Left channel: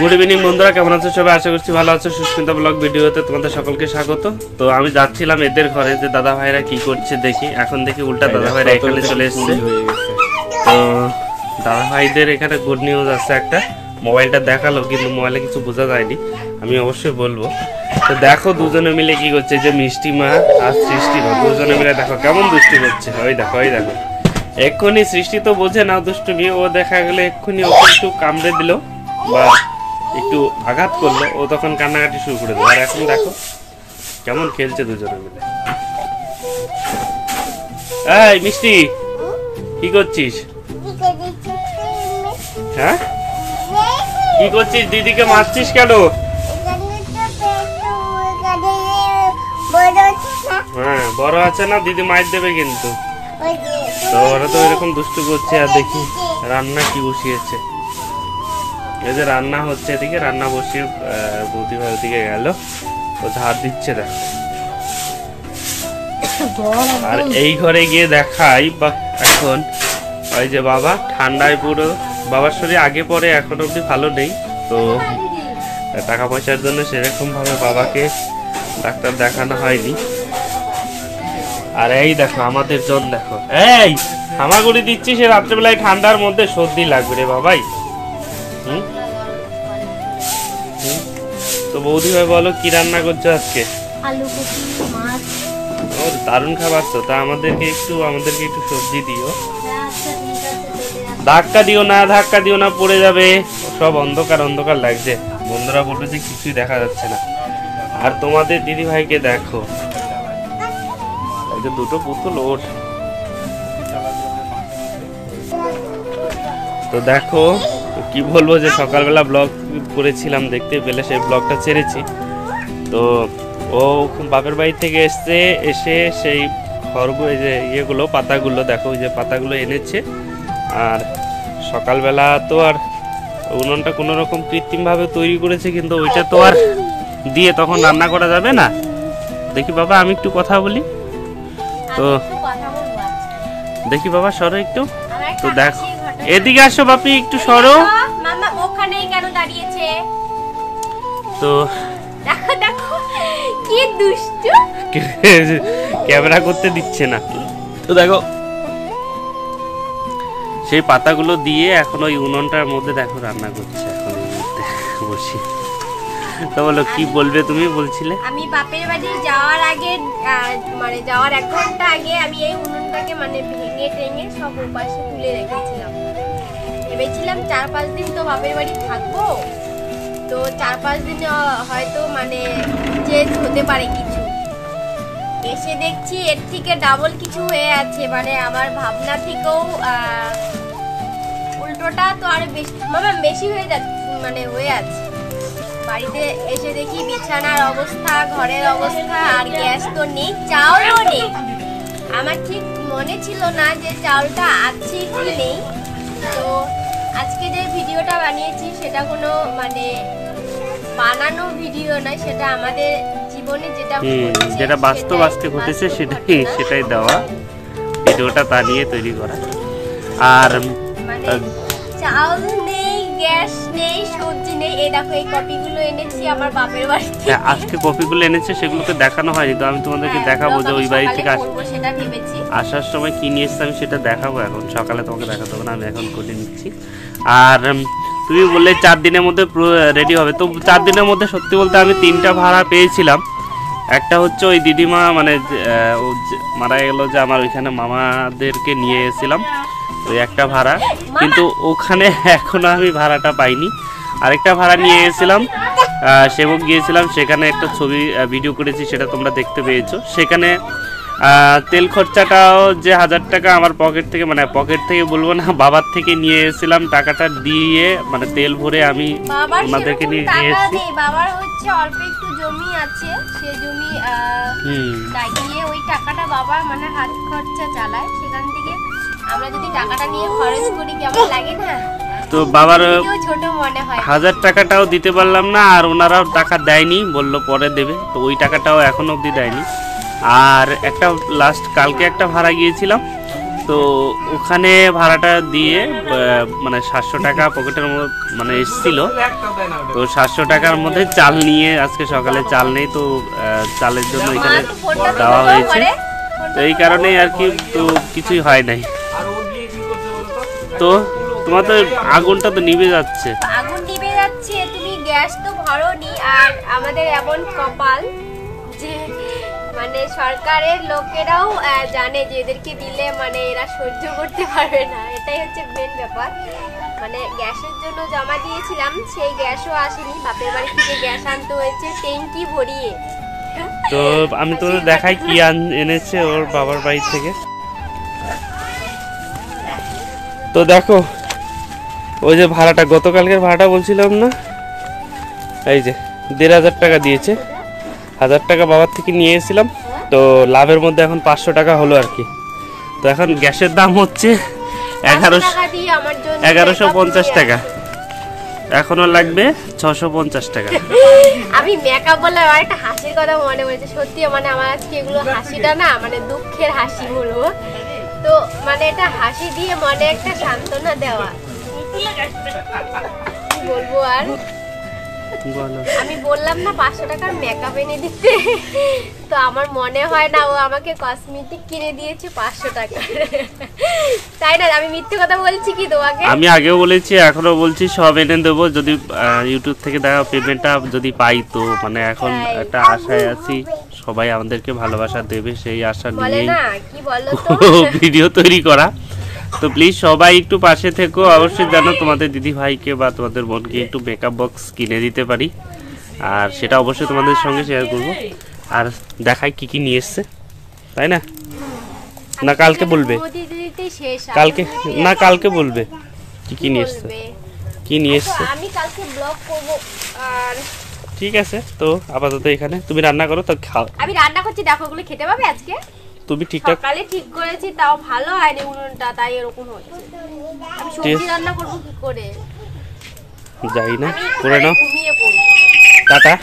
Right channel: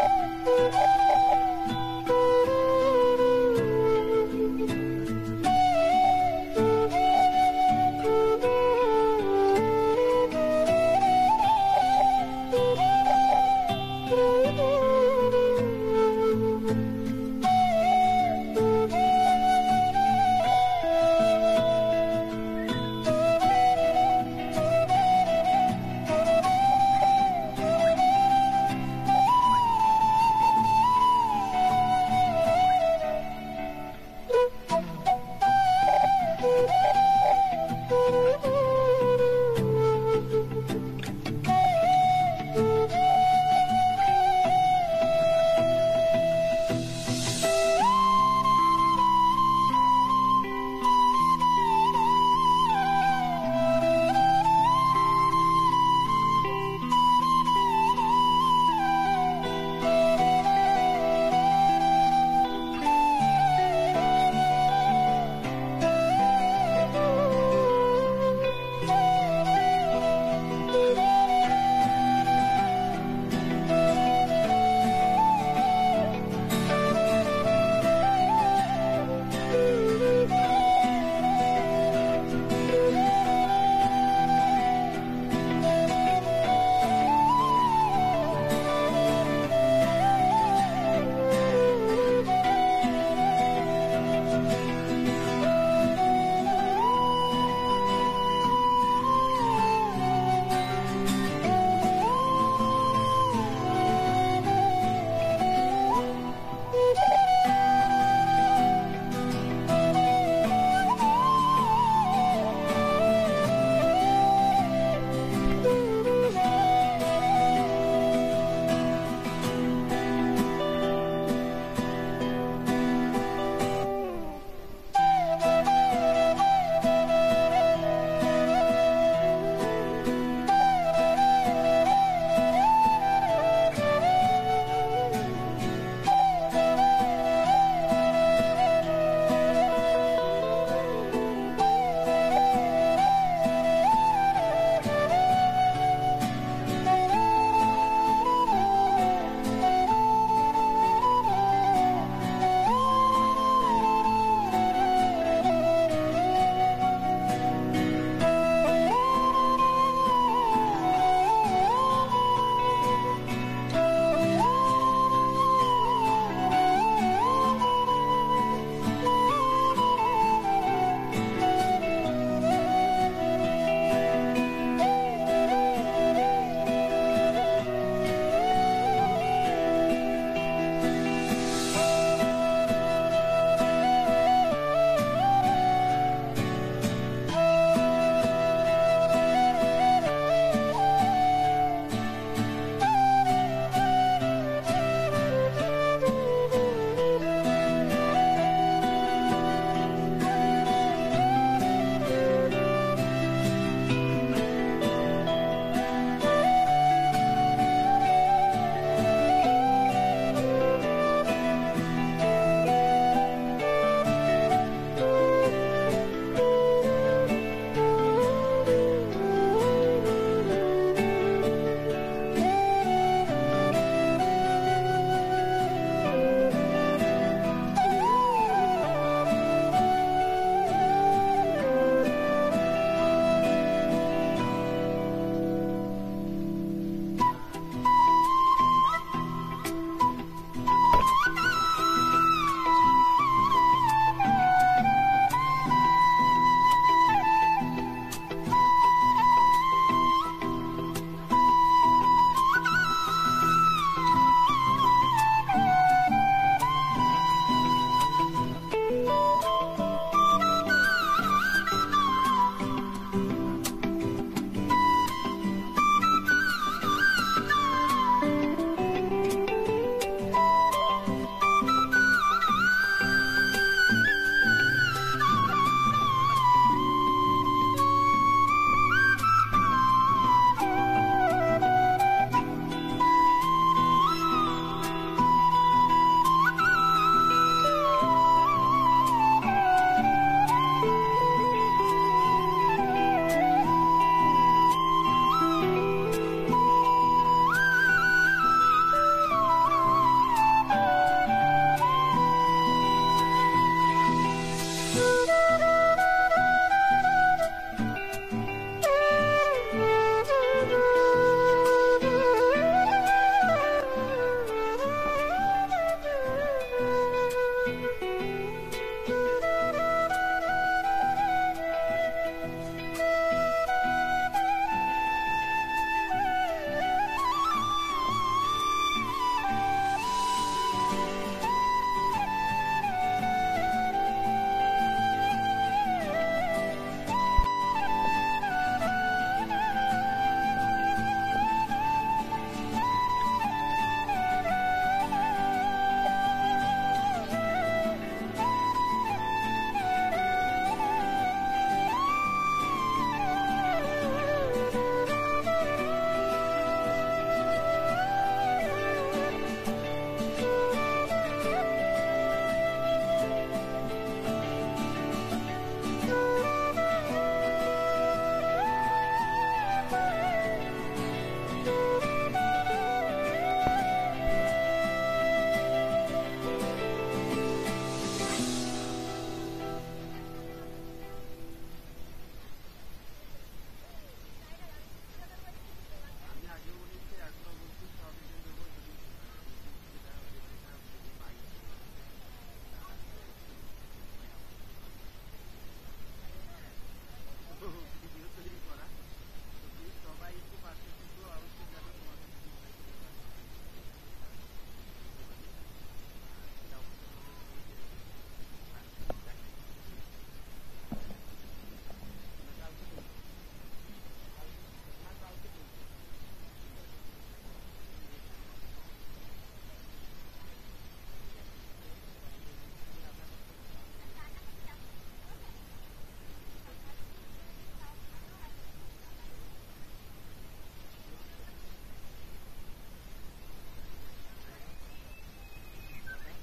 Good evening বন্ধুরা, কেমন আছো সবাই? আশা করছি ভালো আছো। সুস্মিতা ব্লগ ভিডিওতে তোমাদের সকলকে স্বাগত। তো আমি যাচ্ছিলাম এদের ঘরে যে দাদা ভাইরা কি করছে দেখি। এখন দেখি উল্টা দাদা ভাইরা এখানে চলে এসছে। তো দাদা ভাইদের এখানে গুড নিউজ আছে একটা। মোবাইলটা দেখালো কিন্তু মোবাইলে কিছু বোঝা যায়নি, আমি অবশ্যই বলবো। তো দেখো দুজনে মিলে কি করছে, যে মিষ্টি মা আর সৃষ্টি মা দুজনে মিলে দেখো কেমন দুষ্টি করছে। ওই দেখো ওই দেখো, এক্ষুনি সৃষ্টি তো বোঝে না দুষ্টু নিয়ে, ও দেখা গেলে এক্ষুনি ওকে একটু কামড়ে দিল বা একটু আঘাত করলো, ও তখন কান্নাকাটি শুরু করে দেবে। আর এখন দেখো কেমন খেলছে দুজনে মিলে। এই মিষ্টি, কি করছিস? হ্যাঁ কি করছিস? দিদিকে মারছিস কেন? হ্যাঁ বড় আছে না, দিদি মার দেবে কিন্তু। তো ওরা তো এরকম দুষ্টু করছে। আর দেখি রান্না কি বসিয়েছে, এই যে রান্না হচ্ছে, এদিকে রান্না বসিয়ে বৌদি ভাইয়ের দিকে গেল, তো ধার দিচ্ছে দেখ। আর এই ঘরে গিয়ে দেখাই বা এখন ওই যে বাবা ঠান্ডায় পুরো, বাবার শরীর আগে পরে এখন অব্দি ভালো নেই। তো টাকা পয়সার জন্য সেরকম ভাবে বাবাকে ডাক্তার দেখানো হয়নি। আর এই দেখো আমাদের জন দেখো, এই হামাগুড়ি দিচ্ছি, সে রাত্রেবেলায় ঠান্ডার মধ্যে সর্দি লাগবে রে বাবাই। তো বৌদি ভাই বলো কি রান্না করছো আজকে? দারুণ খাবার তো। তা আমাদেরকে একটু সবজি দিও। ধাক্কা দিও না পড়ে যাবে। সব অন্ধকার অন্ধকার লাগছে, বন্ধুরা বলবে যে কিছুই দেখা যাচ্ছে না। আর তোমাদের দিদি ভাইকে দেখো, দুটো পুতুল ওঠ। তো দেখো কি বলবো, যে সকালবেলা ব্লগ করেছিলাম, দেখতে পেলে সেই ব্লগটা ছেড়েছি। তো ও বাপের বাড়ি থেকে এসে সেই খড়গুলো, যে ইয়েগুলো পাতাগুলো দেখো, ওই যে পাতাগুলো এনেছে। আর সকালবেলা তো আর উনুনটা কোনো রকম কৃত্রিমভাবে তৈরি করেছে, কিন্তু ওইটা তো আর দিয়ে তখন রান্না করা যাবে না। দেখি বাবা আমি একটু কথা বলি। তো দেখি বাবা সরো একটু। তো দেখো এদিকে আসো বাপি, একটু সরো। তো ক্যামেরা করতে দিচ্ছে না। তো দেখো সেই পাতাগুলো দিয়ে এখন ওই উনুনটার মধ্যে দেখো রান্না করছে বসি। তো বলো কি বলবে তুমি? বলছিলে আমি বাপের বাড়ি যাওয়ার আগে, মানে যাওয়ার 1 ঘন্টা আগে আমি এই উনুনটাকে মানে ভেঙে সব পাশে তুলে রেখেছিলাম। ভেবেছিলাম 4-5 দিন তো বাপের বাড়ি থাকবো, তো 4-5 দিন হয়তো মানে চেঞ্জ হতে পারে কিছু। এসে দেখছি এর থেকে ডাবল কিছু হয়ে আছে, মানে আমার ভাবনা থেকেও উল্টোটা তো আরো বেশি হয়ে যাচ্ছে, মানে হয়ে আছে। বাড়িতে এসে দেখি বিছানার অবস্থা, ঘরের অবস্থা, আর গ্যাস তো নেই, চাউলও নেই। আমার ঠিক মনে ছিল না যে চাউলটা আছে কি নেই। তো আজকে যে ভিডিওটা বানিয়েছি সেটা কোনো মানে বানানো ভিডিও নয়, সেটা আমাদের জীবনে যেটা বাস্তব আজকে ঘটেছে সেটাই দেওয়া ভিডিওটা, তা নিয়ে তৈরি করা। আর চাউল নেই, গ্যাস নেই, সবজি নেই। এই দেখো এই কপিগুলো এনেছি আমার বাপের বাড়ি থেকে। আজকে কপিগুলো এনেছে, সেগুলোকে দেখানো হয়নি, তো আমি তোমাদেরকে দেখাবো যে ওই বাড়ি থেকে আসার সময় কি নিয়ে এসছে আমি সেটা দেখাবো। এখন সকালে তোমাকে দেখাতে হবে না, আমি এখন করে নিচ্ছি। আর তুমি বললে 4 দিনের মধ্যে রেডি হবে। তো 4 দিনের মধ্যে সত্যি বলতে আমি 3টা ভাড়া পেয়েছিলাম। একটা হচ্ছে ওই দিদিমা মানে মারা গেল, যে আমার ওইখানে মামাদেরকে নিয়ে এসেছিলাম, ওই একটা ভাড়া, কিন্তু ওখানে এখনো আমি ভাড়াটা পাইনি। আরেকটা ভাড়া নিয়ে এসেছিলাম, সেবক গিয়েছিলাম, সেখানে একটা ছবি ভিডিও করেছি, সেটা তোমরা দেখতে পেয়েছো। সেখানে তেল খরচাটাও যে 1000 টাকা আমার পকেট থেকে, মানে পকেট থেকে বলবো না, বাবার থেকে নিয়ে এসেছিলাম, টাকাটা দিয়ে মানে তেল ভরে আমি ওনাদেরকে নিয়ে এসেছি। বাবার হচ্ছে অল্প একটু জমি আছে, সেই জমি লাগিয়ে ওই টাকাটা বাবা মানে হাত খরচা চালায়, সেখান থেকে আমরা যদি টাকাটা নিয়ে খরচ করি কেমন লাগে না। তো বাবার ছোট মনে হয়, 1000 টাকাটাও দিতে পারলাম না, আর ওনারাও টাকা দেয়নি, বললো পরে দেবে। তো ওই টাকাটাও এখনো অবধি দেয়নি। আর একটা লাস্ট কালকে একটা ভাড়া গিয়েছিলাম, তো ওখানে ভাড়াটা দিয়ে মানে 700 টাকা পকেটের মধ্যে মানে এসেছিল। তো 700 টাকার মধ্যে চাল নিয়ে আজকে সকালে চাল নেই, তো চালের জন্য এখানে দেওয়া হয়েছে। তো এই কারণেই আর কি, তো কিছুই হয় নাই। তো তোমার তো আগুনটা তো নিভে যাচ্ছে। আগুন নিভে যাচ্ছে, তুমি গ্যাস তো ভরোনি। আর আমাদের এমন কপাল যে মানে সরকারের লোকেরাও জানে যে এদেরকে দিলে মানে এরা সহ্য করতে পারবে না, এটাই হচ্ছে মেন ব্যাপার। মানে গ্যাসের জন্য জমা দিয়েছিলাম, সেই গ্যাসও আসেনি, বাপের বাড়ি থেকে গ্যাস আনতে হয়েছে ট্যাঙ্কি ভরিয়ে। তো আমি তো দেখাই কি এনেছে ওর বাবার বাড়ি থেকে। তো দেখো ওই যে ভাড়াটা, গতকালকের ভাড়াটা বলছিলাম না, এই যে 1500 টাকা দিয়েছে। 1000 টাকা বাবার থেকে নিয়ে এসেছিলাম, তো লাভের মধ্যে এখন 500 টাকা হলো আর কি। তো এখন গ্যাসের দাম হচ্ছে 1150 টাকা, এখনো লাগবে 650 টাকা। আমি মেকআপ বললে আমার একটা হাসির কথা মনে পড়েছে, সত্যি মানে আমার আজকে এগুলো হাসিটা না মানে দুঃখের হাসি বলবো। তো মানে এটা হাসি দিয়ে মনে একটা সান্ত্বনা দেওয়া, বলবো আর আমি বললাম না 500 টাকার মেকআপ এনে দিতে, তো আমার মনে হয় না ও আমাকে কসমেটিক কিনে দিয়েছে 500 টাকা, তাই না? আমি মিথ্যে কথা বলছি কি তোমাকে? আমি আগেও বলেছি, এখনো বলছি, সব এনে দেবো যদি ইউটিউব থেকে দেখা পেমেন্টটা যদি পাই। তো মানে এখন একটা আশায় আছি, সবাই আমাদেরকে ভালোবাসা দেবে সেই আশা নিয়েই ভিডিও তৈরি করা। তো প্লিজ সবাই একটু পাশে থেকো, অবশ্যই জানো তোমাদের দিদি ভাইকে বা তোমাদের বোনকে একটু মেকআপ বক্স কিনে দিতে পারি, আর সেটা অবশ্যই তোমাদের সঙ্গে শেয়ার করব। আর দেখাই কি কি নিয়ে এসছে, তাই না? না কালকে বলবে, কালকে না কালকে বলবে কি কি নিয়ে এসছে, কি নিয়ে এসছে। আমি কালকে ব্লগ করব। আর ঠিক আছে, তো আপাতত এখানে তুমি রান্না করো, তো খাও। আমি রান্না করছি, দেখো ওগুলো খেতে পাবে আজকে। তুমি ঠিকঠাক সকালে ঠিক করেছি, তাও ভালো হয়নি উনুনটা, তাই এরকম হচ্ছে। আমি সবজি রান্না করব কি করে যাই না, করে নাও। ঘুমিয়ে পড়ব। টাটা।